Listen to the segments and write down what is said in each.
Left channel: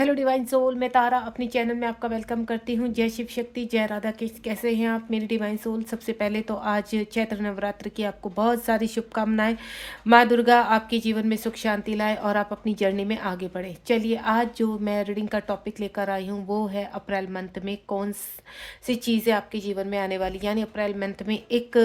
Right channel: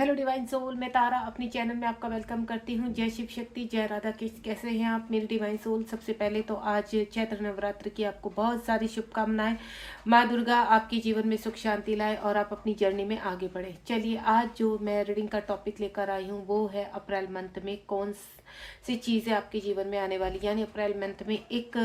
Hello divine soul, मैं तारा अपनी channel में आपका वेलकम करती हूँ। जय शिव शक्ति, जय राधा कृष्ण। कैसे हैं आप मेरी डिवाइन सोल? सबसे पहले तो आज चैत्र नवरात्र की आपको बहुत सारी शुभकामनाएं। माँ दुर्गा आपके जीवन में सुख शांति लाए और आप अपनी जर्नी में आगे बढ़े। चलिए, आज जो मैं रीडिंग का टॉपिक लेकर आई हूँ वो है अप्रैल मंथ में कौन सी चीज़ें आपके जीवन में आने वाली। यानी अप्रैल मंथ में एक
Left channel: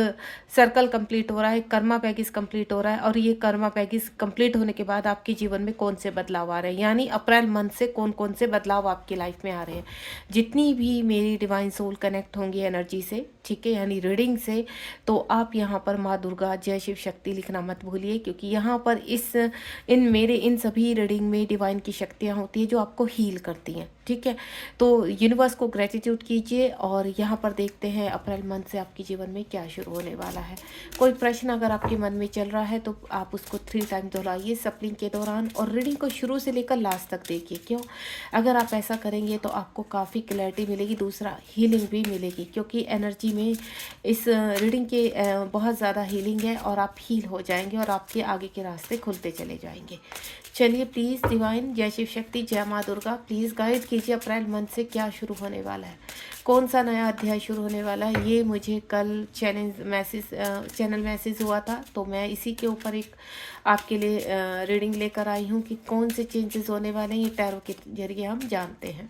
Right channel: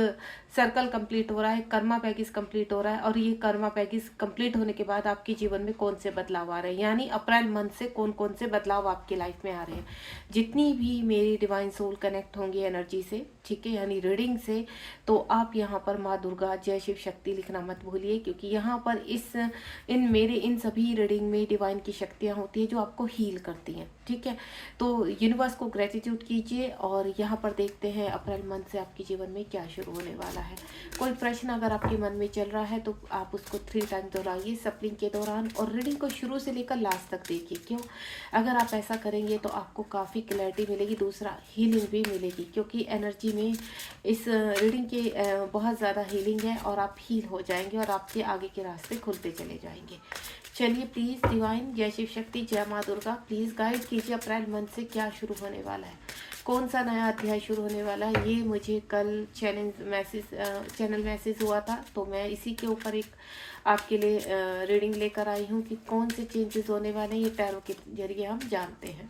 सर्कल कंप्लीट हो रहा है, कर्मा पैकेज कंप्लीट हो रहा है, और ये कर्मा पैकेज कंप्लीट होने के बाद आपके जीवन में कौन से बदलाव आ रहे हैं। यानी अप्रैल मंथ से कौन कौन से बदलाव आपकी लाइफ में आ रहे हैं। जितनी भी मेरी डिवाइन सोल कनेक्ट होंगी एनर्जी से, ठीक है, यानी रीडिंग से, तो आप यहाँ पर माँ दुर्गा जय शिव शक्ति लिखना मत भूलिए, क्योंकि यहाँ पर इन सभी रीडिंग में डिवाइन की शक्तियाँ होती है जो आपको हील करती हैं। ठीक है, तो यूनिवर्स को ग्रेटिट्यूड कीजिए और यहाँ पर देखते हैं अप्रैल मंथ से आपके जीवन में क्या शुरू होने वाला है। कोई प्रश्न अगर आपके मन में चल रहा है तो आप उसको 3 टाइम दोहराइए सप्लिंग के दौरान, और रीडिंग को शुरू से लेकर लास्ट तक देखिए। क्यों? अगर आप ऐसा करेंगे तो आपको काफ़ी क्लैरिटी मिलेगी, दूसरा हीलिंग भी मिलेगी, क्योंकि एनर्जी में इस रीडिंग के बहुत ज़्यादा हीलिंग है और आप हील हो जाएंगे और आपके आगे के रास्ते खुलते चले जाएंगे। चलिए, प्लीज़ डिवाइन जय शिव शक्ति जय माँ दुर्गा, प्लीज़ गाइड कीजिए अप्रैल मंथ से क्या शुरू होने वाला है, कौन सा नया अध्याय शुरू होने वाला है। ये मुझे कल चैनल मैसेज हुआ था, तो मैं इसी के ऊपर एक आपके लिए रीडिंग लेकर आई हूँ कि कौन से चेंजेस होने वाले हैं। ये टैरो के जरिए हम जानते हैं।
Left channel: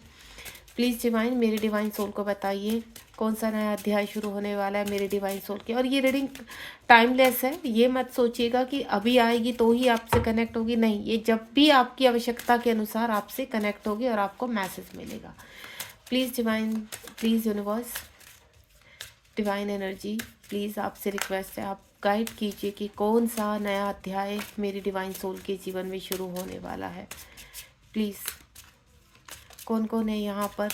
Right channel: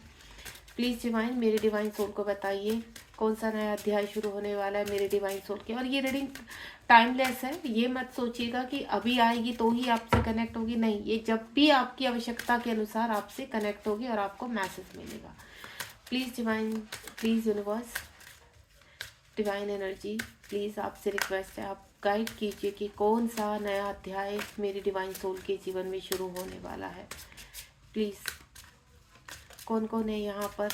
प्लीज़ डिवाइन मेरी डिवाइन सोल को बताइए कौन सा नया अध्याय शुरू होने वाला है मेरी डिवाइन सोल के। और ये रीडिंग टाइमलेस है, ये मत सोचिएगा कि अभी आएगी तो ही आपसे कनेक्ट होगी, नहीं, ये जब भी आपकी आवश्यकता के अनुसार आपसे कनेक्ट होगी और आपको मैसेज मिलेगा। Please divine, please universe, divine energy, please आपसे रिक्वेस्ट है, आप गाइड कीजिए कि कौन सा नया अध्याय मेरी डिवाइन सोल के जीवन में शुरू होने वाला है। प्लीज़, कौन कौन है यहाँ पर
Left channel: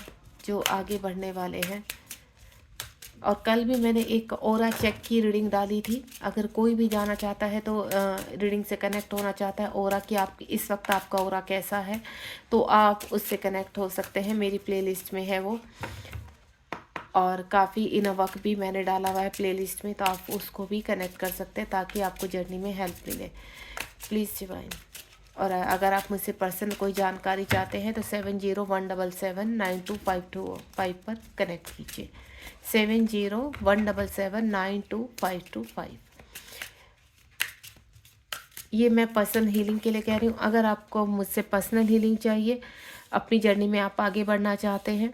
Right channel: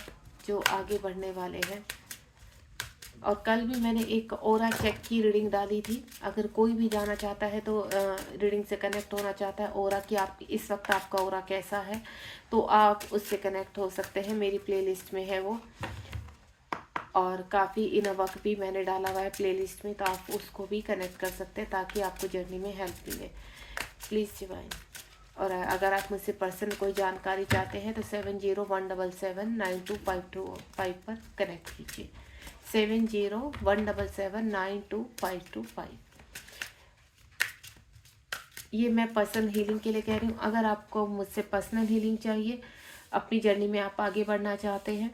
जो आगे बढ़ने वाले हैं। और कल भी मैंने एक ओरा चेक की रीडिंग डाली थी, अगर कोई भी जाना चाहता है तो रीडिंग से कनेक्ट होना चाहता है ओरा की, आप इस वक्त आपका ओरा कैसा है, तो आप उससे कनेक्ट हो सकते हैं। मेरी प्लेलिस्ट में है वो, और काफ़ी इनवक भी मैंने डाला हुआ है प्लेलिस्ट में, तो आप उसको भी कनेक्ट कर सकते हैं ताकि आपको जर्नी में हेल्प मिले। प्लीज़ डिवाइन, और अगर आप मुझसे पर्सनल कोई जानकारी चाहते हैं तो 7017792525 पर कनेक्ट कीजिए। 7017792525। ये मैं पर्सनल हीलिंग के लिए कह रही हूँ। अगर आपको मुझसे पर्सनल हीलिंग चाहिए, अपनी जर्नी में आप आगे बढ़ना चाहते हैं,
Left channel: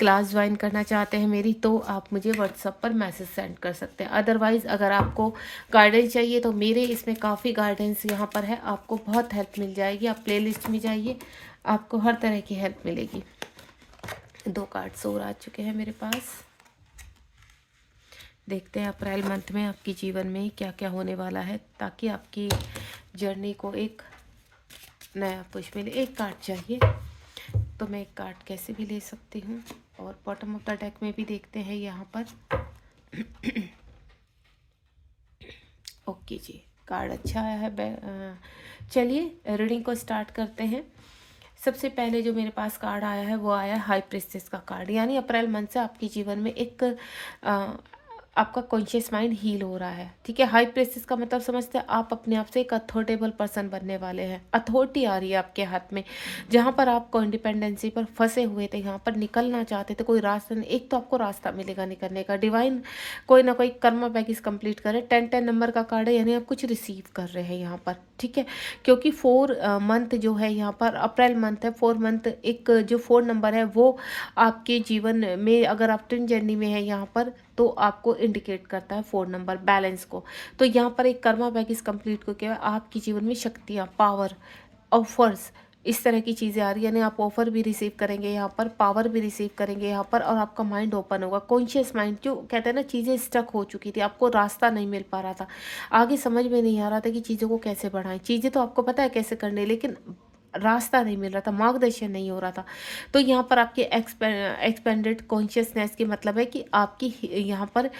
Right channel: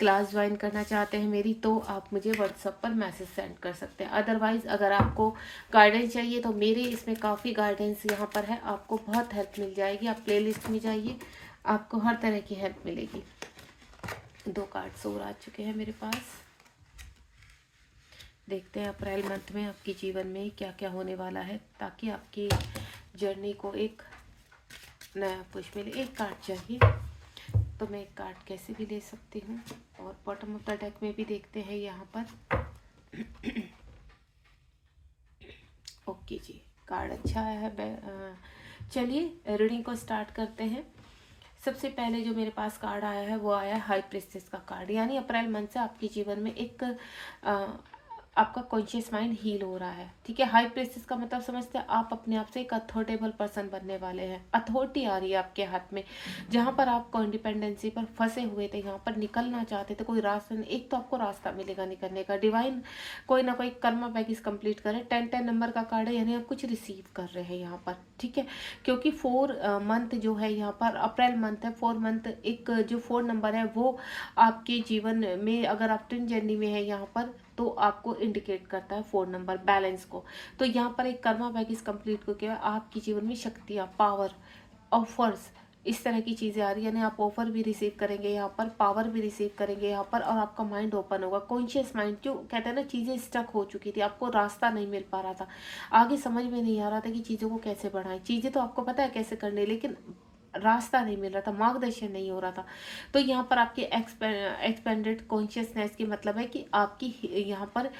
क्लास ज्वाइन करना चाहते हैं मेरी, तो आप मुझे व्हाट्सएप पर मैसेज सेंड कर सकते हैं। अदरवाइज़ अगर आपको गाइडेंस चाहिए तो मेरे इसमें काफ़ी गाइडेंस यहाँ पर है, आपको बहुत हेल्प मिल जाएगी। आप प्लेलिस्ट में जाइए, आपको हर तरह की हेल्प मिलेगी। 2 कार्ड्स और आ चुके हैं मेरे पास। देखते हैं अप्रैल मंथ में आपके जीवन में क्या क्या होने वाला है, ताकि आपकी जर्नी को एक नया पुश मिले। एक कार्ड चाहिए तो मैं एक कार्ड कैसे भी ले सकती हूँ, और बॉटम ऑफ द डेक में भी देखते हैं यहाँ पर। ओके जी, कार्ड अच्छा आया है। चलिए रीडिंग को स्टार्ट करते हैं। सबसे पहले जो मेरे पास कार्ड आया है वो आया हाई प्रिस्टेस का कार्ड। यानी अप्रैल मंथ से आपके जीवन में एक आपका कॉन्शियस माइंड हील हो रहा है। ठीक है, हाई प्रिस्टेस का मतलब समझते हैं आप अपने आप से एक अथॉरिटेबल पर्सन बनने वाले हैं। अथॉरिटी आ रही है आपके हाथ में, जहाँ पर आपको इंडिपेंडेंसी पर फंसे हुए थे, यहाँ पर निकलना चाहते थे, कोई रास्ता नहीं, एक तो आपको रास्ता मिलेगा निकलने का। डिवाइन कोई ना कोई कर्मा पैकेज कंप्लीट करे। 10-10 नंबर का कार्ड है, यानी आप कुछ रिसीव कर रहे हैं यहाँ पर। ठीक है, क्योंकि 4 मंथ जो है यहाँ पर अप्रैल मंथ है, 4 मंथ, एक जो 4 नंबर है वो आपके जीवन में, अगर आप ट्विन जर्नी में है यहाँ पर, तो आपको इंडिकेट करता है 4 नंबर बैलेंस को। तो यहाँ पर एक कर्मा पैकेज कंप्लीट करके आपके जीवन में शक्तियाँ, पावर, ऑफर्स, इस तरह की चीज़ें आ रही है। यानी आप ऑफर भी रिसीव करेंगे यहाँ पर, पावर भी रिसीव करेंगे यहाँ पर, और आपका माइंड ओपन होगा। कॉन्शियस माइंड, जो कहते हैं ना, चीज़ें स्टक हो चुकी थी, आपको रास्ता नहीं मिल पा रहा था, आगे समझ में नहीं आ रहा था कि चीज़ों को कैसे बढ़ाएं। चीज़ें तो आपको पता है कैसे करनी है, लेकिन रास्ता नहीं मिल रहा था, मार्गदर्शन नहीं हो रहा था। तो यहाँ पर आपके एक्सपेंडेड कॉन्शियसनेस की मतलब है कि आपकी यहाँ पर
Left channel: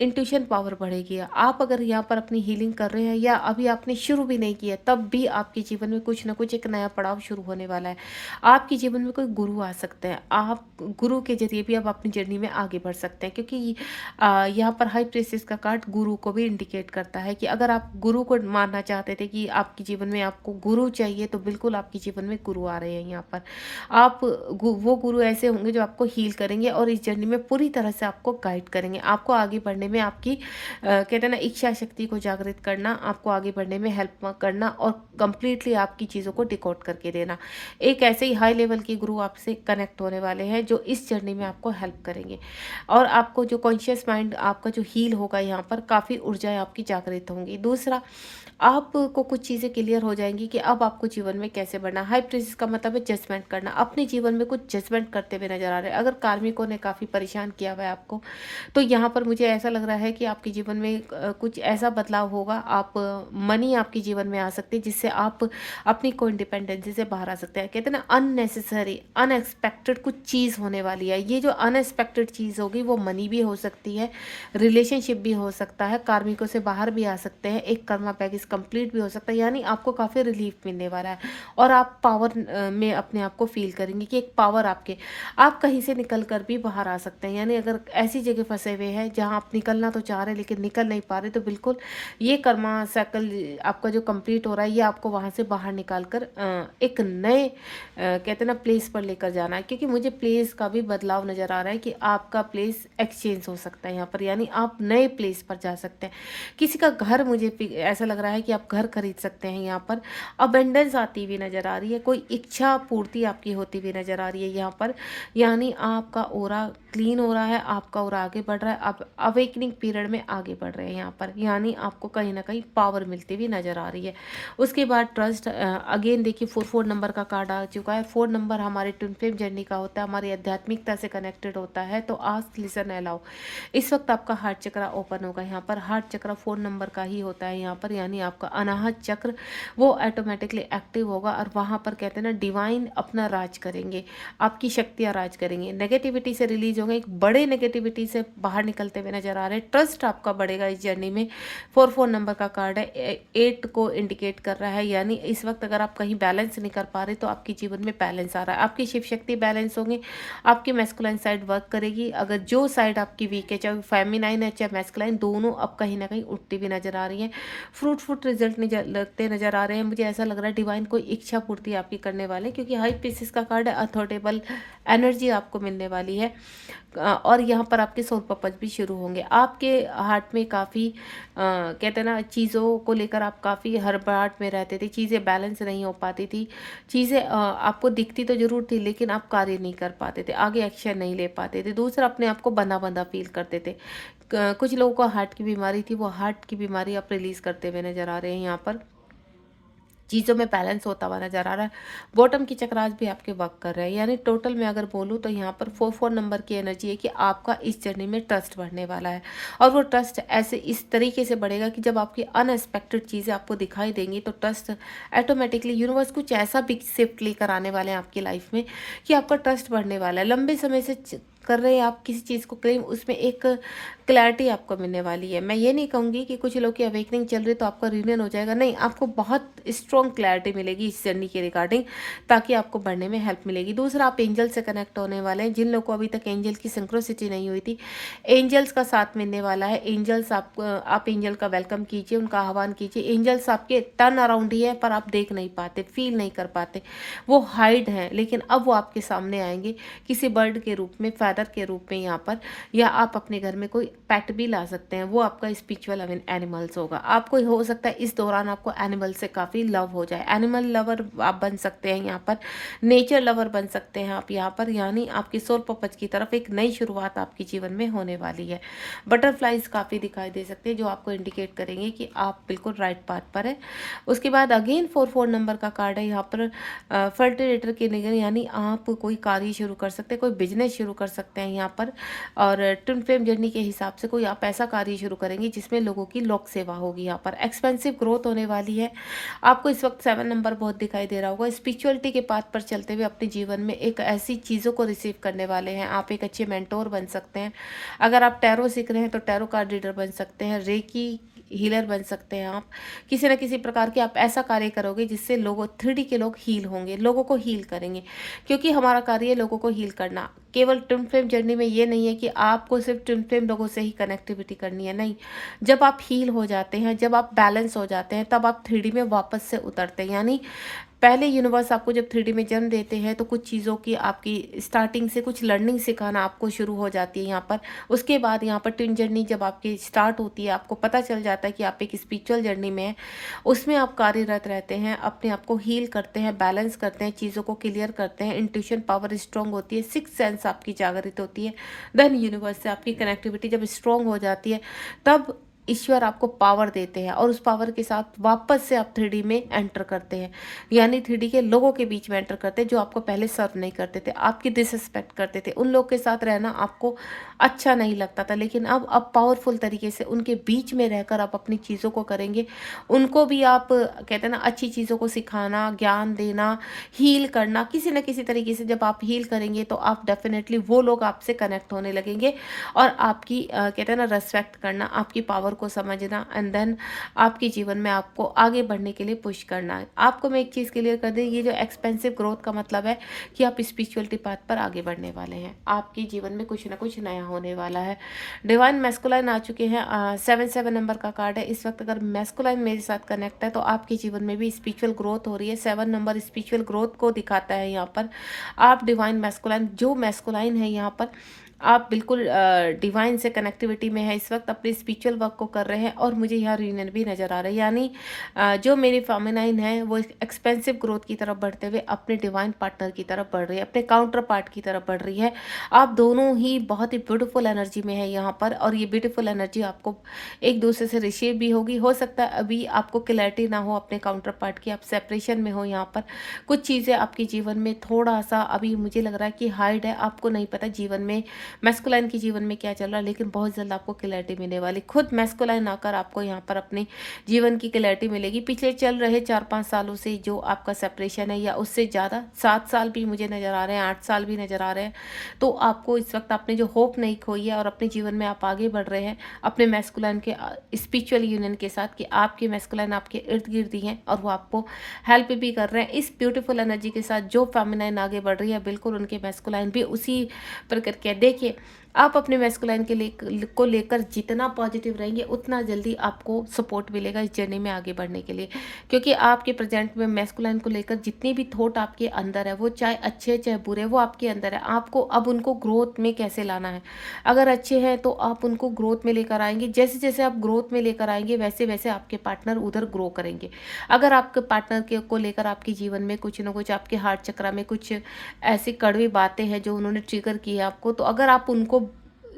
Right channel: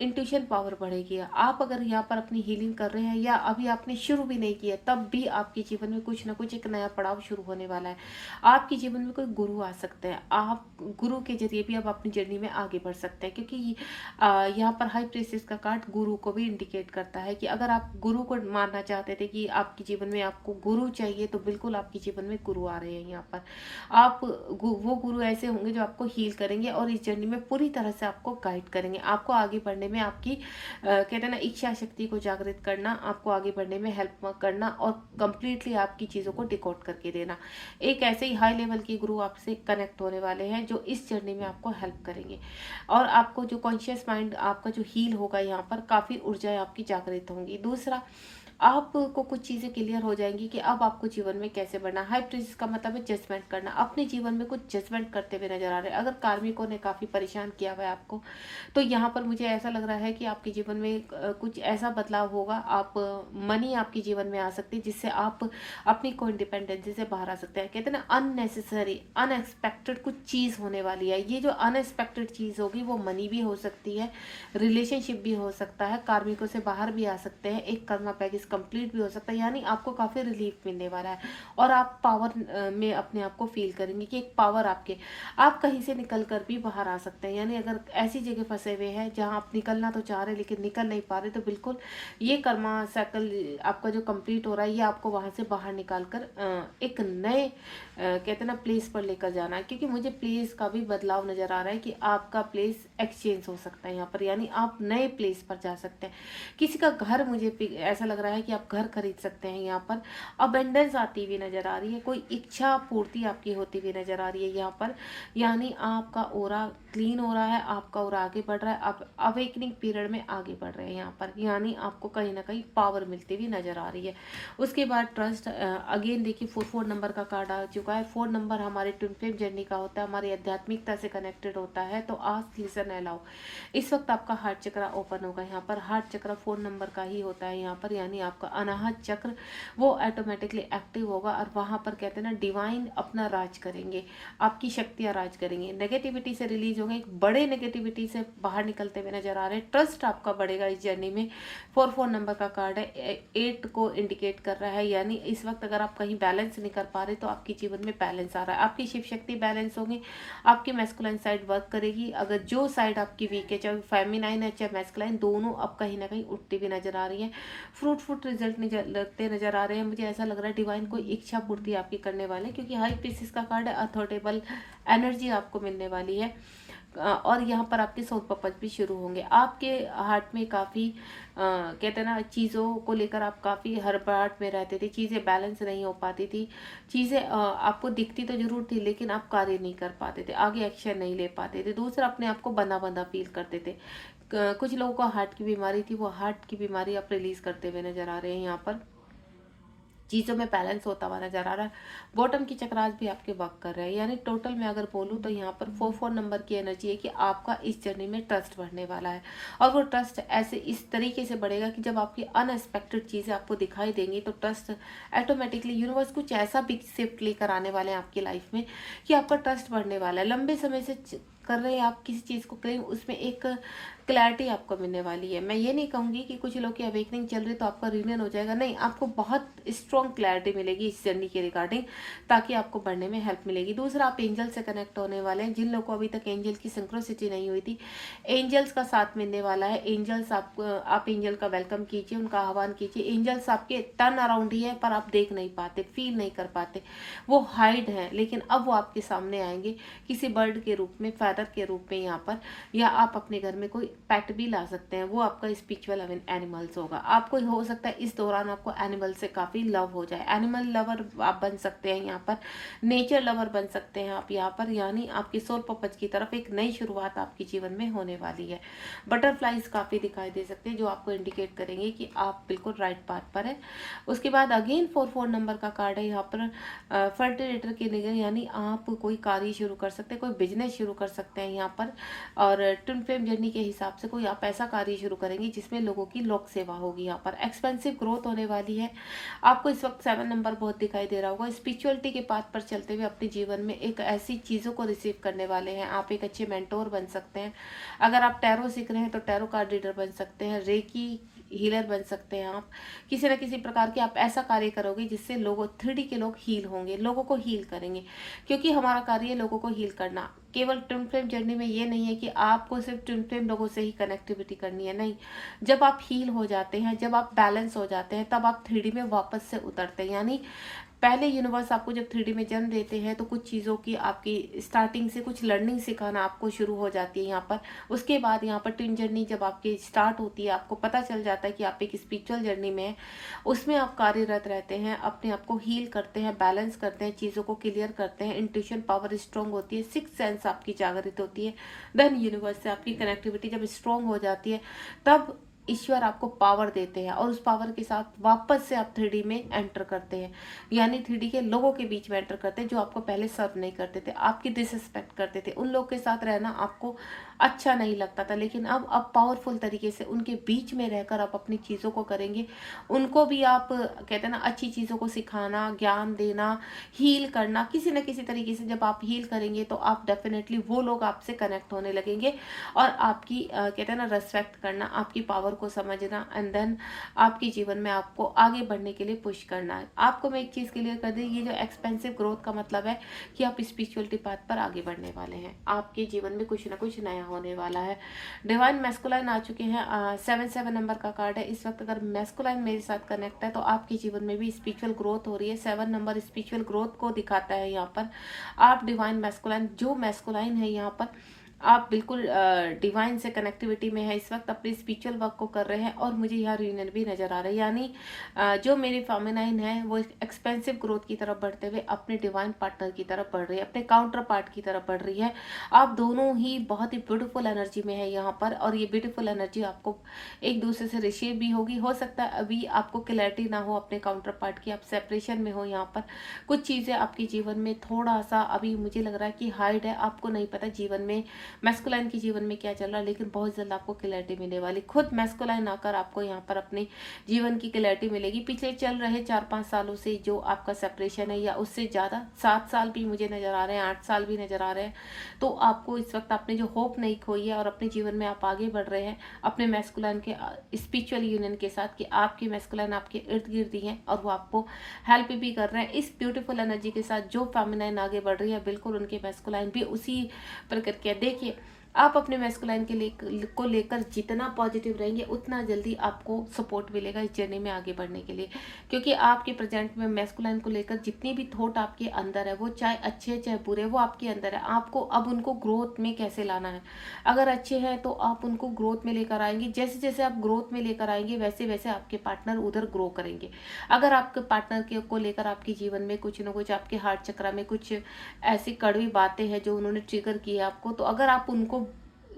इंट्यूशन पावर बढ़ेगी। आप अगर यहाँ पर अपनी हीलिंग कर रहे हैं या अभी आपने शुरू भी नहीं किया, तब भी आपके जीवन में कुछ ना कुछ एक नया पड़ाव शुरू होने वाला है। आपके जीवन में कोई गुरु आ सकते हैं, आप गुरु के जरिए भी आप अपनी जर्नी में आगे बढ़ सकते हैं, क्योंकि यहाँ पर हाई प्रीस्टेस का कार्ड गुरु को भी इंडिकेट करता है कि अगर आप गुरु को मानना चाहते थे कि आपके जीवन में आपको गुरु चाहिए, तो बिल्कुल आपके जीवन में गुरु आ रहे हैं यहाँ पर। आप वो गुरु ऐसे होंगे जो आपको हील करेंगे और इस जर्नी में पूरी तरह से आपको गाइड करेंगे। आपको आगे बढ़ने में आपकी कहते हैं ना इच्छा शक्ति को जागृत करना, आपको आगे बढ़ने में हेल्प करना और कंप्लीटली आपकी चीज़ों को डिकोड करके देना। एक ऐसे ही हाई लेवल के गुरु आपसे कनेक्ट होने वाले हैं जो इस जर्नी में आपको हेल्प करेंगे और आपको जो कॉन्शियस माइंड आपका जो हील होगा यहाँ पर काफ़ी ऊर्जाएं आपकी जागृत होंगी। दूसरा, आपको कुछ चीज़ें क्लियर हो जाएंगी कि अब आपको जीवन में कैसे बढ़ना। हाई प्रीस्ट का मतलब है जजमेंट करना, अपने जीवन में कुछ जजमेंट करते हुए नजर आ रहे हैं। अगर कार्मिकों ने काफ़ी परेशान किया हुआ है आपको, तो यहाँ पर मुझे ऐसा लग रहा है कि आपके जीवन में कुछ ऐसा बदलाव होगा। आप मनी आपके जीवन में आ सकती है जिससे आप अपनी को इंडिपेंडेंसी से बाहर आ सकते हैं। कहते हैं ना अननेसेसरी अनएक्सपेक्टेड कुछ चीज़ होने वाली है। ये जो अनएक्सपेक्टेड चीज़ होगी वो मनी भी हो सकती है, रिलेशनशिप भी हो सकता है, कार्मिकों से बाहर भी आ सकते हैं, एक कर्मा पैकेज कंप्लीट भी हो सकता है। यानी आपको काफ़ी रिलीफ मिलने वाला है और आप पावर में अपने आप को फील करेंगे कि एक पावर आप कहीं से निकल कर भी बाहर आ सकते हैं। यानी अगर ऐसी जगह फंसे हुए हैं जहां आप निकलना तो चाह रहे हैं लेकिन निकल नहीं पा रहे, तो बिल्कुल ये कर्मा साइकिल आपका जो कंप्लीट हो रहा है ये आपको वहां से बाहर निकाल कर एक नए कहते हैं ना प्लेस पर लेकर जाना है। क्योंकि मुझे प्लेस का भी बदलाव नजर आ रहा है कि आपका प्लेस एक्सचेंज हो सकता है यहाँ पर, यानी आप नए प्लेस पर जा सकते हैं। किसी का घर, मुझे ऐसा लग रहा है कि आप घर खरीद सकते हैं यहाँ पर। अबेंडेंस आती हुई नजर आ रही है, कोई इच्छा पूर्ति आपकी होती हुई नजर आ रही है यहाँ पर। यानी आपका ओरा क्लीन हो रहा है, आपका ओरा आगे बढ़ रहा है, आप अवेकनिंग पीरियड में आगे बढ़ रहे हैं यहाँ पर। यानी आपको कहीं ना कहीं पावर मिलती हुई नजर आ रही है। उसके बाद ट्रस्ट, अगेन देखिए 4 नंबर का कार्ड आ चुका है। 4 नंबर हमारे ट्विन फ्लेम जर्नी का होता है, हमारी आध्यात्मिकता से कनेक्टेड होता है। तो आस्क लिसन अलाउ, इस वक्त आपका हार्ट चक्र ओपन होगा यहाँ पर। हार्ट चक्र 4 नंबर का ही होता है यहाँ पर, यानी आपका अनाहत चक्र वो ऑटोमेटिकली एक्टिव होगा और वहाँ पर कहते हैं ना डिवाइन अपना राज करेंगे, आपकी शक्तियाँ राज करेंगे। नेगेटिविटी से रिलीज होंगे, एक बड़े नेगेटिविटी से बाहर निकलते हुए नजर आ रहे हैं। ट्रस्ट आपका बढ़ेगा इस जर्नी में। 4 नंबर का कार्ड है, 8 को इंडिकेट कर रहा है। यानी इस वक्त अगर आप कहीं बैलेंस नहीं कर पा रहे तो आपके जीवन में बैलेंस आ रहा है। आपकी शिव शक्ति बैलेंस होगी, आपकी मैस्कुलाइन साइड वर्क करेगी। अगर जो साइड आपकी वीक है, चाहे फेमिनाइन है चाहे मैस्कुलाइन, दोनों अब कहीं ना कहीं उठती भी नजर आ रही है। फ्रूटफुल रिजल्ट लगते नजर आ रहे हैं। मुझे ऐसा लग रहा है डिवाइन कोई इच्छा पूर्ति आपकी करने वाले, क्योंकि हाई पीसेस का कार्ड है, अथॉरिटेबल एनर्जी आपको मिलने वाली है। और यहाँ पर आपके सोल पर्पज भी शुरू होंगे। आपके हार्ट में काफ़ी कहते हैं ना चीज़ों को लेकर आप काफ़ी हड़बड़ाहट में रहते थे, चीज़ें बैलेंस नहीं हो पाती थी, चीज़ें आपको दिखती तो जरूर थी लेकिन आप कार्य नहीं कर पाते थे, आगे एक्शन नहीं ले पाते थे। दूसरा, अपने आप को बंधा बंधा फील करते थे। कुछ लोगों को हार्ट की बीमारी थी, वो हार्ट की बीमारी आप रिलीज करते हुए नजर आ रहे हैं यहाँ पर। चीज़ों में बैलेंस होता हुआ नजर आ रहा है। बॉटम की चक्रास भी आपके वर्क कर रहे हैं। यानी टोटल में अगर बोलूँ तो यहाँ पर 4 नंबर की एनर्जी है कि आपका इस जर्नी में ट्रस्ट बढ़ने वाला है। और वो ट्रस्ट ऐसे इस तरीके से बढ़ेगा कि जब आपकी अनएक्सपेक्टेड चीज़ें आपको दिखाई देंगी तो ट्रस्ट ऑटोमेटिकली, यूनिवर्स कुछ ऐसा बिग शिफ्ट लेकर आने वाले हैं आपकी लाइफ में कि आपका ट्रस्ट बढ़ने वाला है। लंबे समय से कर रहे हैं आप किसी चीज़ को क्लेम, उसमें एक क्लैरिटी आपको मिलने वाली है। मैं ये नहीं कहूँगी कि कुछ लोग की अवेकनिंग चल रही है तो आपका रियूनियन हो जाएगा, नहीं, आपको बहुत स्ट्रॉन्ग क्लैरिटी मिलेगी इस जर्नी के रिगार्डिंग, ताकि आपको बढ़ने में हेल्प मिलेगी। दूसरा, आप एंजल से कनेक्ट होने वाले हैं। जिन लोगों को अभी तक एंजल की सिंक्रोसिटी नहीं हुई थी, एंजल्स का साथ मिलने वाला है। एंजल्स आप एंजल का वेलकम कीजिए, उनका आह्वान कीजिए। एंजल्स आपके टर्न अराउंड ही है पर आप देख नहीं पाते, फील नहीं कर पाते, वो हाइड है, लेकिन अब वो आपके सामने आएंगे किसी बर्ड के रूप में, फैदर के रूप में यहाँ पर, या आप अपने घर में कोई पेट भी ला सकते हैं, वो आपका स्पिरिचुअल एनिमल्स होगा। आपको हो सकता है इस दौरान आपको एनिमल से काफ़ी लव हो जाए, एनिमल लवर आप बन सकते हैं यहाँ पर, नेचर लवर बन सकते हैं आप यहाँ पर। यानी आपकी सोल पर्पज की तरफ एक नई शुरुआत आपके जीवन में होने वाली है। बटरफ्लाइज काफ़ी दिखाई दे सकते हैं जो आपको इंडिकेट करेंगे कि आप बिल्कुल राइट पाथ पर है। उसके बाद अगेन 4 नंबर का कार्ड है यहाँ पर, फर्टिलेटर की निगरानी, यानी आप कोई कार्य शुरू कर सकते हैं, कोई बिजनेस शुरू कर सकते हैं यहाँ पर। और ट्विन फ्लेम जर्नी के हिसाब से कोई आप ऐसा कार्य शुरू करेंगे जिसमें लोगों की लोक सेवा होगी। यहाँ पर एक्सपेंसिव ग्रोथ होने वाली है। आपको इस वक्त 7 नंबर बहुत दिखाई दे रहा होगा। स्पिरिचुअलिटी के पाथ पर चलते हुए अपने जीवन में एक ऐसी चीज़ों को रिसीव करने वाले हैं। आप एक अच्छे मेंटोर बन सकते हैं। अगर आप टैरो सीख रहे हैं तो टैरो कार्ड रीडर बन सकते हैं, रेकी हीलर बन सकते हैं। आप किसी न किसी प्रकार के आप ऐसा कार्य करोगे जिससे लोगों 3D के लोग हील होंगे, लोगों को हील करेंगे, क्योंकि हमारा कार्य है लोगों को हील करना। केवल ट्विन फ्लेम जर्नी में ये नहीं है कि आपको सिर्फ ट्विन फ्लेम लोगों से ही कनेक्टिविटी करनी है, नहीं। जब आप हील हो जाते हैं, जब आप बैलेंस हो जाते हैं, तब आप 3D में वापस से उतरते हैं। यानी पहले यूनिवर्स आपको जब 3D में जन्म देते हैं तो कुछ चीज़ों की आपकी स्टार्टिंग से कुछ लर्निंग सिखाना आपको शुरू हो जाती है यहाँ पर। उसके बाद यहाँ पर ट्विन जर्नी जब आपकी स्टार्ट होती है, आपको पता चल जाता है कि आप एक स्पिरिचुअल जर्नी में हैं। उसमें आप कार्यरत रहते हैं, अपने आप को हील करते हैं, बैलेंस करते हैं, चीज़ों को क्लियर करते हैं, इंट्यूशन पावर स्ट्रांग होती है, सिक्स सेंस आपकी जागृत होती है। देन यूनिवर्स से आपकी कनेक्टिविटी जब स्ट्रांग हो जाती है, तब ईश्वर आपको पावर देते हैं और उस पावर के साथ वापस से आप 3D में एंटर करते हैं, यानी 3D के लोगों के बीच में एंटर करते हैं जो आपको पहले सर्व नहीं करते थे, आपकी डिसरिस्पेक्ट करते थे, उन लोग के साथ रहना आपको अच्छा नहीं लगता था। लेकिन अब पावरफुल तरीके से उनके बीच में रहकर आप अपनी चीज़ों को करेंगे। उनको भी आप कहते हैं ना, अच्छी चीज़ों को सिखाना, ज्ञान देना, हील करना, किसी न किसी तरीके से जब आप हील करेंगे तो आप डेफिनेटली वो लोग आपसे कनेक्ट होने लगेंगे और आपकी कहते हैं ना, रेस्पेक्ट करना, आपकी पावर को समझना, एंड देन आपके जीवन में आपको आगे बढ़ने के लिए पुश करना है। आपको मैं एक चीज़ क्लियर कर दूं, ये जो एक्सपेंसिव ग्रोथ का मतलब है कि आप स्पिरिचुअलिटी पाथ पर आगे बढ़ने वाले हैं, आपके जीवन में कुछ ना कुछ नया होने वाला है। डिवाइन मैस्कुलाइन आ चुके हैं, 7 नंबर का कार्ड है। इस वक्त अगर मैस्कुलाइन मेरे साथ कनेक्ट है तो आपके जीवन में भी स्पिरिचुअल ग्रोथ हो रही है। 7 नंबर स्पिरिचुअल ग्रोथ को दिखाता है यहाँ पर। आप डिवाइन मैस्कुलाइन, जो मैस्कुलाइन है यहाँ पर, आप बिल्कुल डिवाइन से कनेक्टिविटी में है, इस वक्त अपने स्पिरिचुअल वर्क को कर रहे हैं और मुझे यहाँ रीयूनियन भी नज़र आ रहा है। यानी जो मेरी फेमिनाइन है वो एक्सपेंसिव ग्रोथ की तरफ बढ़ते हुए अपने डिवाइन पार्टनर की तरफ बढ़ रही है, अपने काउंटर पार्ट की तरफ बढ़ रही है। आप दोनों ही बहुत ही ब्यूटीफुल एनर्जी में है यहाँ पर और ये ब्यूटीफुल एनर्जी आपको एक दूसरे से रिसीव भी होगी। हो सकता है अभी आपको क्लैरिटी ना हो अपने काउंटर पार्ट की, आप सेपरेशन में हो यहाँ पर। कुछ चीज़ें आपके जीवन में थोड़ा सा अभी मुझे लग रहा है कि हाइड है, आपको नहीं पता जीवन में मैस्कुलाइन के जीवन में क्या चल रहा है, लेकिन बहुत जल्द आपको क्लैरिटी मिलने वाली। खुद मैस्कुलाइन आकर आपको यहाँ पर अपने जीवन की क्लैरिटी मिलेगी। पिछले चल रहे 4-5 सालों से जो आपका सेपरेशन है या उससे ज़्यादा 7 साल भी मुझे नज़र आ रहे हैं, 8 साल भी नज़र आ रहे हैं, तो आपको इस वक्त आपने जो होप नहीं खोई है और अपने जीवन में आप आगे बढ़ रहे हैं अपने मैस्कुलाइन के स्पिरिचुअल यूनियन के साथ, कि आपके मैस्कुलाइन आपके इर्द गिर्द ही हैं और वो आपको हेल्प भी कर रहे हैं। इस ब्यूटीफुल एनर्जी के साथ जो फेमिनाइन आगे बढ़ रही है, बिल्कुल उनके मैस्कुलाइन भी उसी प्रकार। देखिए, आप अपने मैस्कुलाइन को लेकर जितना पॉजिटिव रहेंगे उतना जल्दी आपको सपोर्ट मिलेगा इस जर्नी में आगे बढ़ने के लिए, क्योंकि आपके प्रेजेंट में मैस्कुलाइन को लेकर जितनी भी थॉट आपके अंदर है, वो चाहे अच्छे चाहे बुरे, वो आपके अंदर है। आपको अब उनको ग्रोथ में कैसे लाना है। अगर अच्छे हैं तो आप उनको ग्रोथ में लेकर आएंगे, जैसे जैसे आप ग्रोथ में लेकर आएंगे वैसे वैसे आपके पार्टनर उधर ग्रो करेंगे। अगर आपके पार्टनर को लेकर आपके जीवन में कुछ ना कुछ, आपके हार्ट चक्र में कुछ ऐसी कड़वी बातें हैं जो उन्होंने ट्रिगर की है आपको, तो अगर आप उनको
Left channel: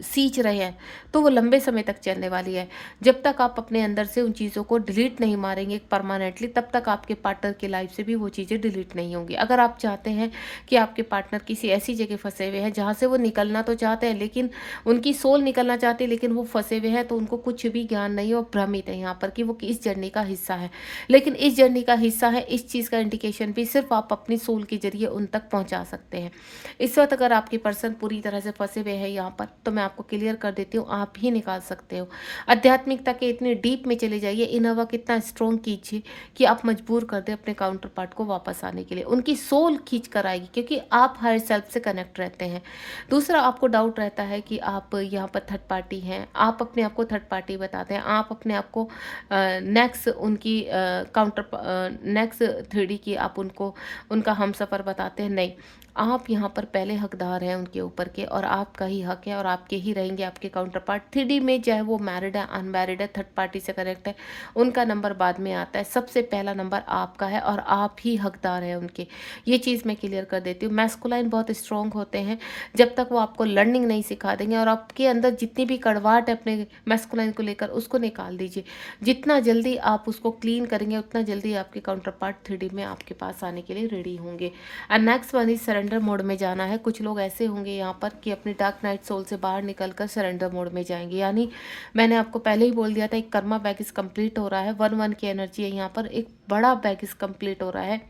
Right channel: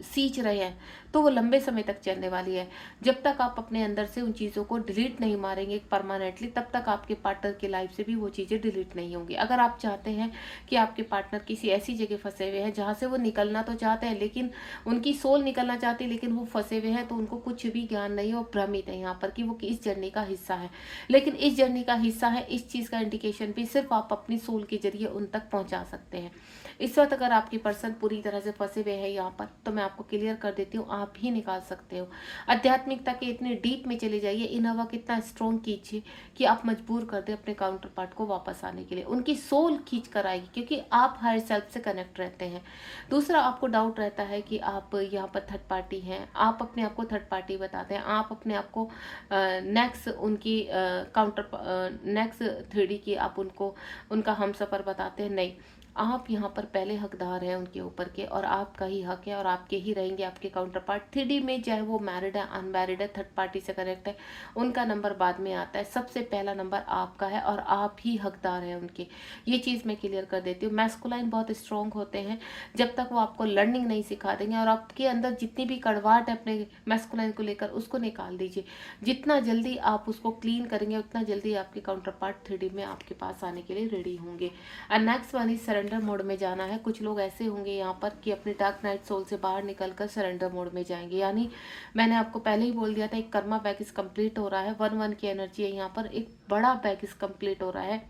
सींच रहे हैं तो वो लंबे समय तक चलने वाली है। जब तक आप अपने अंदर से उन चीज़ों को डिलीट नहीं मारेंगे परमानेंटली, तब तक आपके पार्टनर की लाइफ से भी वो चीज़ें डिलीट नहीं होंगी। अगर आप चाहते हैं कि आपके पार्टनर किसी ऐसी जगह फंसे हुए हैं जहाँ से वो निकलना तो चाहते हैं, लेकिन उनकी सोल निकलना चाहती है लेकिन वो फंसे हुए हैं, तो उनको कुछ भी ज्ञान नहीं है, वो भ्रमित है यहाँ पर कि वो इस जर्नी का हिस्सा है। लेकिन इस जर्नी का हिस्सा है, इस चीज़ का इंडिकेशन भी सिर्फ आप अपनी सोल के जरिए उन तक पहुँचा सकते हैं। इस वक्त अगर आपके पर्सन पूरी तरह से फंसे हुए हैं यहाँ पर, तो मैं आपको क्लियर कर देती हूँ, आप ही निकाल सकते हो। आध्यात्मिकता के इतने डीप में चले जाइए, इनोवा कितना स्ट्रॉन्ग कीजिए कि आप मजबूर कर दे अपने काउंटर पार्ट को वापस आने के लिए। उनकी सोल खींच कर आएगी, क्योंकि आप हायर सेल्फ से कनेक्ट रहते हैं। दूसरा, आपको डाउट रहता है कि आप यहाँ पर थर्ड पार्टी हैं, आप अपने आप को थर्ड पार्टी बताते हैं, आप अपने आप को नेक्स्ट उनकी काउंटर नेक्स्ट 3D की आप उनको उनका हमसफर बताते हैं। नहीं, आप यहाँ पर पहले हकदार हैं उनके ऊपर के, और आपका ही हक है और आपके ही रहेंगे आपके काउंटर पार्ट। 3D में चाहे वो मैरिड है, अनमैरिड है, थर्ड पार्टी से कनेक्ट है, उनका नंबर बाद में आता है। सबसे पहला नंबर आपका है और आप ही हकदार हैं उनके। ये चीज़ मैं क्लियर कर देती हूँ। मैस्कुलाइन बहुत स्ट्रॉन्ग होते हैं, जब तक वो आपको लर्निंग नहीं सिखा देंगे, और आपके अंदर जितनी भी कड़वाहट है अपने मैस्कुलाइन को लेकर, उसको निकाल दीजिए। जितना जल्दी आप उसको क्लीन करेंगे उतना जल्दी आपके काउंटर पार्ट 3D में आपके पास आने के लिए रेडी होंगे। And next one is surrender mode में जाना है। कुछ लोग ऐसे होंगे यहाँ पर कि अपनी डार्क नाइट सोल से बाहर निकलकर सरेंडर मोड में जाएंगे। यानी मैंने आपको पहले ही बोल दिया था, एक कर्मा बैगेज कंप्लीट हो रहा है, 1-1 की एनर्जी है यहाँ पर, एक बड़ा बैगेज कंप्लीट हो रहा है।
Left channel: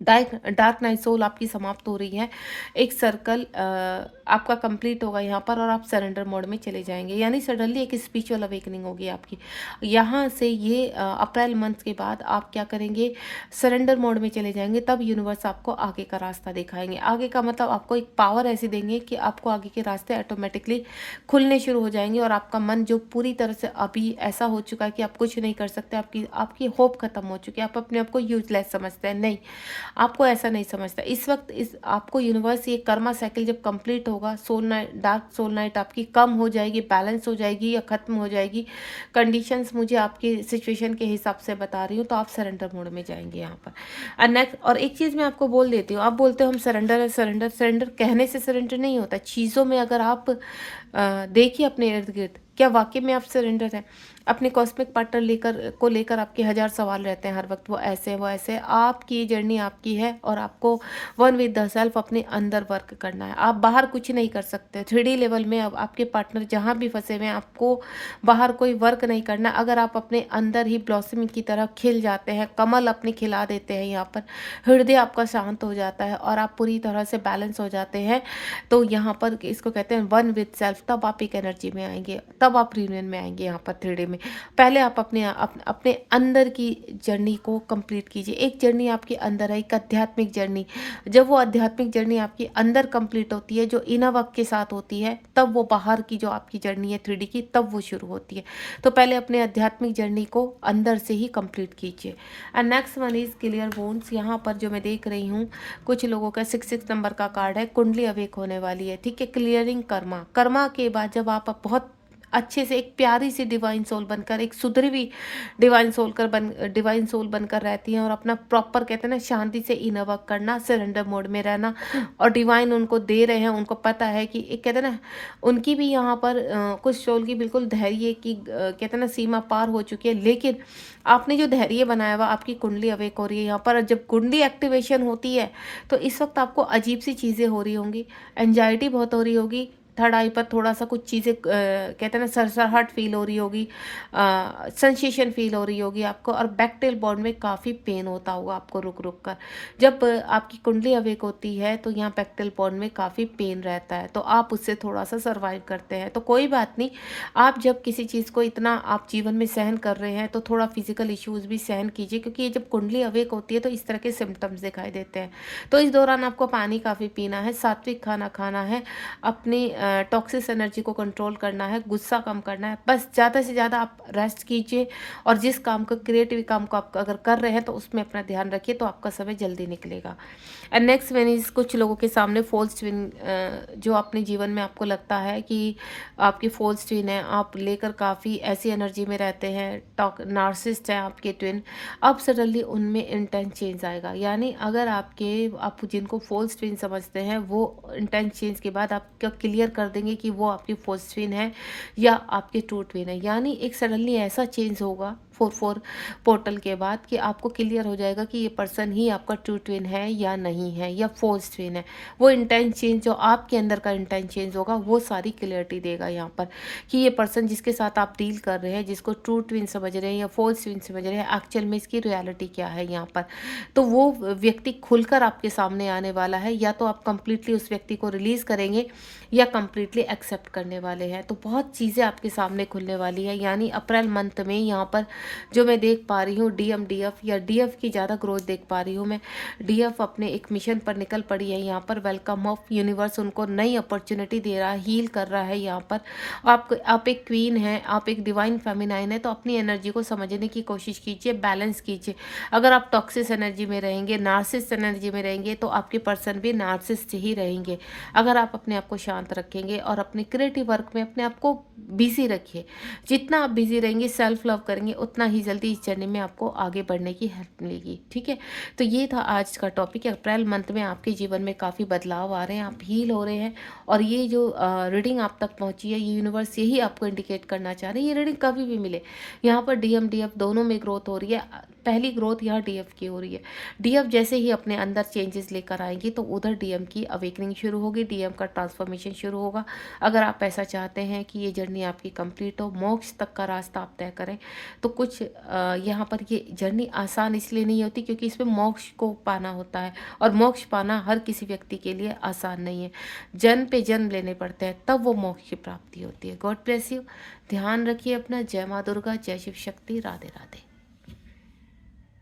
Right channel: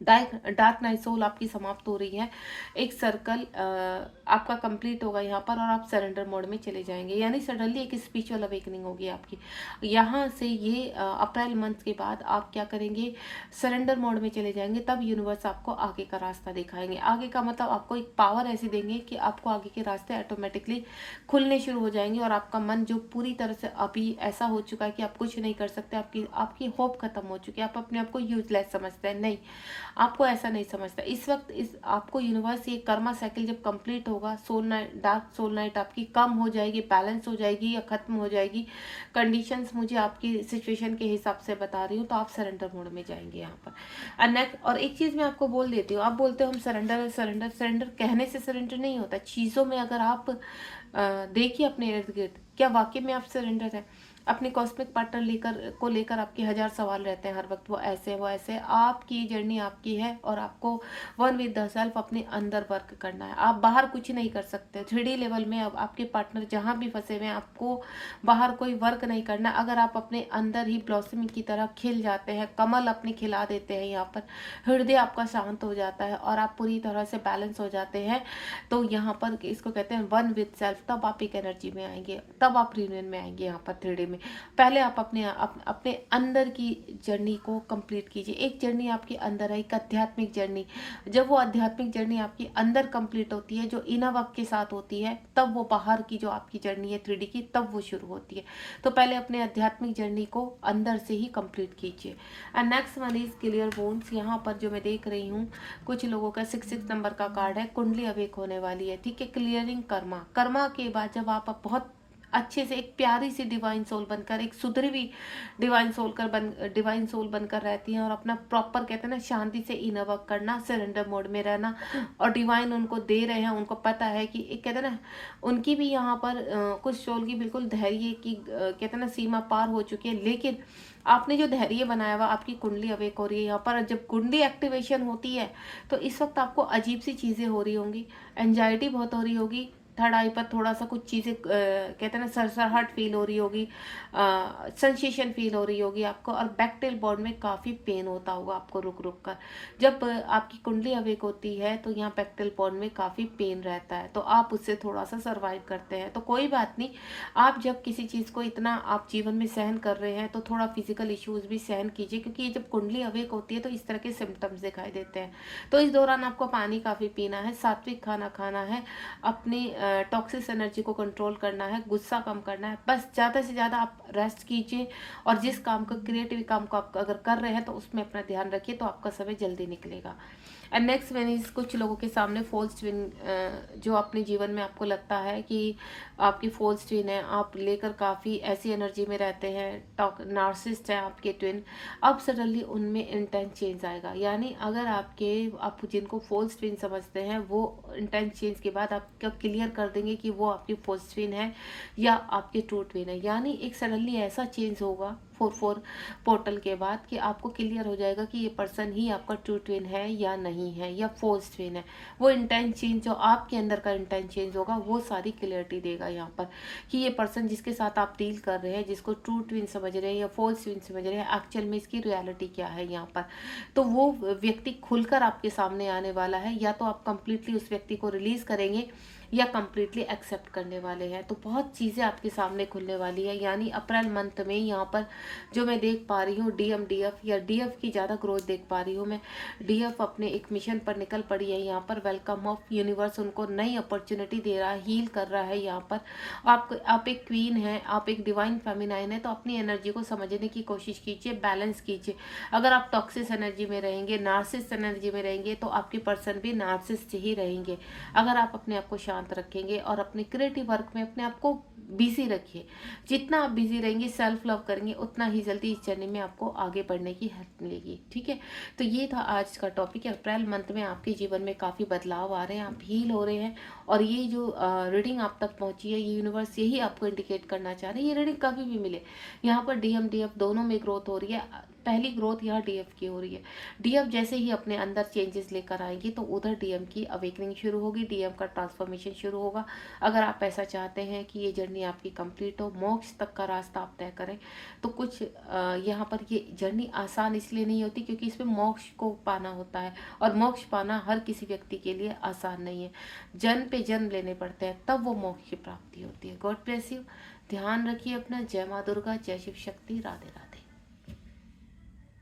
डार्क डार्क नाइट सोल आपकी समाप्त हो रही है। एक सर्कल आपका कंप्लीट होगा यहाँ पर और आप सरेंडर मोड में चले जाएंगे, यानी सडनली एक स्पिरिचुअल अवेकनिंग होगी आपकी। यहाँ से ये अप्रैल मंथ के बाद आप क्या करेंगे, सरेंडर मोड में चले जाएंगे, तब यूनिवर्स आपको आगे का रास्ता दिखाएंगे। आगे का मतलब आपको एक पावर ऐसी देंगे कि आपको आगे के रास्ते ऑटोमेटिकली खुलने शुरू हो जाएंगे, और आपका मन जो पूरी तरह से अभी ऐसा हो चुका है कि आप कुछ नहीं कर सकते, आपकी आपकी होप खत्म हो चुकी है, आप अपने आप को यूजलेस समझते हैं, नहीं, आपको ऐसा नहीं समझता। इस वक्त इस आपको यूनिवर्स ये कर्मा साइकिल जब कंप्लीट होगा, soul night, dark soul night आपकी कम हो जाएगी, बैलेंस हो जाएगी या खत्म हो जाएगी, कंडीशंस मुझे आपकी सिचुएशन के हिसाब से बता रही हूँ, तो आप सरेंडर मोड में जाएंगे यहाँ पर। और नेक्स्ट, और एक चीज़ मैं आपको बोल देती हूँ, आप बोलते हो हम सरेंडर है, सरेंडर, सरेंडर कहने से सरेंडर नहीं होता। चीज़ों में अगर आप देखिए अपने इर्द गिर्द, क्या वाकई में आप सरेंडर हैं? अपने कॉस्मिक पार्टनर लेकर आपके हजार सवाल रहते हैं हर वक्त, वो ऐसे वो ऐसे। आपकी जर्नी आपकी है और आपको वन विद द सेल्फ अपने अंदर वर्क करना है। आप बाहर कुछ नहीं कर सकते। 3D लेवल में अब आपके पार्टनर जहाँ भी फंसे हुए हैं, आपको बाहर कोई वर्क नहीं करना। अगर आप अपने अंदर ही ब्लॉसमिंग की तरह खिल जाते हैं, कमल अपनी खिला देते हैं यहाँ पर, हृदय आपका शांत हो जाता है और आप पूरी तरह से बैलेंस हो जाते हैं, तो यहाँ पर इसको कहते हैं वन विद सेल्फ। तब आप एक एनर्जी में आएंगे, तब आप यूनियन में आएंगे यहाँ पर 3D में। पहले आप अपने अंदर की जर्नी को कंप्लीट कीजिए। एक जर्नी आपके अंदर है, एक आध्यात्मिक जर्नी। जब वो आध्यात्मिक जर्नी आपकी अंदर कंप्लीट होती है, जो इनर वर्क के साथ होती है, तब वो बाहर की जो आपकी जर्नी है 3D की, तब वो शुरू होती है। तो पहले अपने आध्यात्मिक जर्नी को अंदर से ही कंप्लीट कीजिए। And next one is clear bones. यहाँ पर जो मैं देख रही हूँ, कुछ लोगों का 66 नंबर का कार्ड है, कुंडली अवेक होने वाली है, ठीक है। क्लियरिंग कर्मा, कर्मा के बाद जब आप बहुत अच्छे से एक प्यारी सी डिवाइन सोल बनकर, एक सुधरी हुई डिवाइन सोल बनकर रहती हैं, और अपना प्रॉपर कहते हैं ना शांति से इनर वर्क करना, सरेंडर मोड में रहना, और डिवाइन उनको दे रहे हैं, उनको पता है कि एक कहते हैं ना, उनकी भी यहाँ पर कुछ सोल की बिल्कुल धैर्य की कहते हैं ना सीमा पार हो चुकी है, लेकिन आपने जो धैर्य बनाया हुआ, आपकी कुंडली अवेक हो रही है यहाँ पर। जब कुंडली एक्टिवेशन होती है तो इस वक्त आपको अजीब सी चीज़ें हो रही होंगी, एंजाइटी बहुत हो रही होगी, थर्ड आई पर थोड़ा सा कुछ चीज़ें कहते हैं ना सरसराहट फील हो रही होगी, सेंसेशन फील हो रही होगी आपको, और बैकटेल बॉन्ड में काफ़ी पेन होता होगा आपको रुक रुक कर। जब आपकी कुंडली अवेक होती है तो यहाँ बैकटेल बॉन्ड में काफ़ी पेन रहता है, तो आप उससे थोड़ा सा सर्वाइव करते हैं, तो कोई बात नहीं। आप जब किसी चीज़ को इतना आप जीवन में सहन कर रहे हैं, तो थोड़ा फिजिकल इश्यूज भी सहन कीजिए, क्योंकि ये जब कुंडली अवेक होती है तो इस तरह के सिम्टम्स दिखाई देते हैं। तो इस दौरान आपको पानी काफ़ी पीना है, सात्विक खाना खाना है, अपनी टॉक्सिक एनर्जी को कंट्रोल करना है, गुस्सा कम करना है, बस ज़्यादा से ज़्यादा आप रेस्ट कीजिए, और जिस काम को क्रिएटिव काम को आप अगर कर रहे हैं तो उसमें अपना ध्यान रखिए, तो आपका समय जल्दी निकलेगा। एंड नेक्स्ट वन इज, कुछ लोगों के सामने फॉल्स ट्विन, जो अपने जीवन में आपको लगता है कि आपकी फॉल्स ट्विन है, आप लेकर काफ़ी ऐसी एनर्जी में रहते हैं, नार्सिसिस्ट हैं आपके ट्विन, अब सडनली उनमें इंटेंस चेंज आएगा। यानी अगर आप जिनको फॉल्स ट्विन समझते हैं, वो इंटेंस चेंज के बाद आपका क्लियर कर देंगे कि वो आपकी फॉल्स ट्विन है या आपके ट्रू ट्विन है। यानी एक सडनली ऐसा चेंज होगा 4-4 पोर्टल के बाद कि आपको क्लियर हो जाएगा कि ये पर्सन ही आपका ट्रू ट्विन है या नहीं है, या फॉल्स ट्विन है। वो इंटेंस चेंज, जो आपके अंदर का इंटेंस चेंज होगा, वो सारी क्लियरिटी देगा यहाँ पर कि ये पर्सन जिसके साथ आप डील कर रहे हैं, जिसको ट्रू ट्विन समझ रहे हैं या फॉल्स ट्विन समझ रहे हैं, एक्चुअल में इसकी रियलिटी क्या है यहाँ पर। तो वो व्यक्ति खुलकर आपके सामने आने वाला है, या तो आप कंप्लीटली उस व्यक्ति को रिलीज करेंगे या कंप्लीटली एक्सेप्ट करने वाले हैं। तो बहुत चीज़ें आपके सामने खुलने वाली है। यानी अप्रैल मंथ में यहाँ पर जो मैं देख पा रही हूँ, DF या DF की ज़्यादा ग्रोथ देख पा रही हूँ मैं। DF अपने एक मिशन पर निकल पड़ी है यहाँ पर। वेलकम ऑफ यूनिवर्स उनको नई अपॉर्चुनिटी दे रहा है, हील कर रहा है यहाँ पर। आप एक क्वीन हैं, आप एक डिवाइन फेमिनाइन है, तो अपनी एनर्जी को समझने की कोशिश कीजिए, बैलेंस कीजिए। अगर आप टॉक्सिस एनर्जी में रहेंगे, नार्सिस्ट एनर्जी में रहेंगे, तो आपके पर्सन भी नार्सिस्ट ही रहेंगे। अगर आप अपने आप को शांत रखेंगे और अपने क्रिएटिव वर्क में अपने आप को बिजी रखिए, जितना आप बिजी रहेंगे, सेल्फ लव करेंगे, उतना ही जल्दी इस जर्नी में आपको आगे बढ़ने की हेल्प मिलेगी। ठीक है, तो ये था आज का टॉपिक। अप्रैल मंथ में आपके जीवन में काफ़ी बदलाव आ रहे हैं, आप हील हो रहे हैं, और ये जो रीडिंग आप तक पहुंची है, ये यूनिवर्स यही आपको इंडिकेट करना चाह रही है। ये रीडिंग कभी भी मिले, यहाँ पर DM DF दोनों में ग्रोथ हो रही है। पहली ग्रोथ यहाँ डीएफ की हो रही है। डीएफ जैसे ही अपने अंदर चेंजेस लेकर आएंगी तो उधर डीएम की अवेकनिंग शुरू होगी, डीएम का ट्रांसफॉर्मेशन शुरू होगा। अगर आप ऐसा चाहते हैं कि ये जर्नी आपकी कंप्लीट हो, मोक्ष तक का रास्ता आप तय करें, तो कुछ यहाँ पर ये जर्नी आसान इसलिए नहीं होती क्योंकि इसमें मोक्ष को पाना होता है, और मोक्ष पाना हर किसी व्यक्ति के लिए आसान नहीं है। जन्म पे जन्म लेने पड़ते हैं, तब वो मोक्ष की प्राप्ति होती है। God bless you. ध्यान रखिए अपना। जय माँ दुर्गा, जय शिव शक्ति, राधे राधे।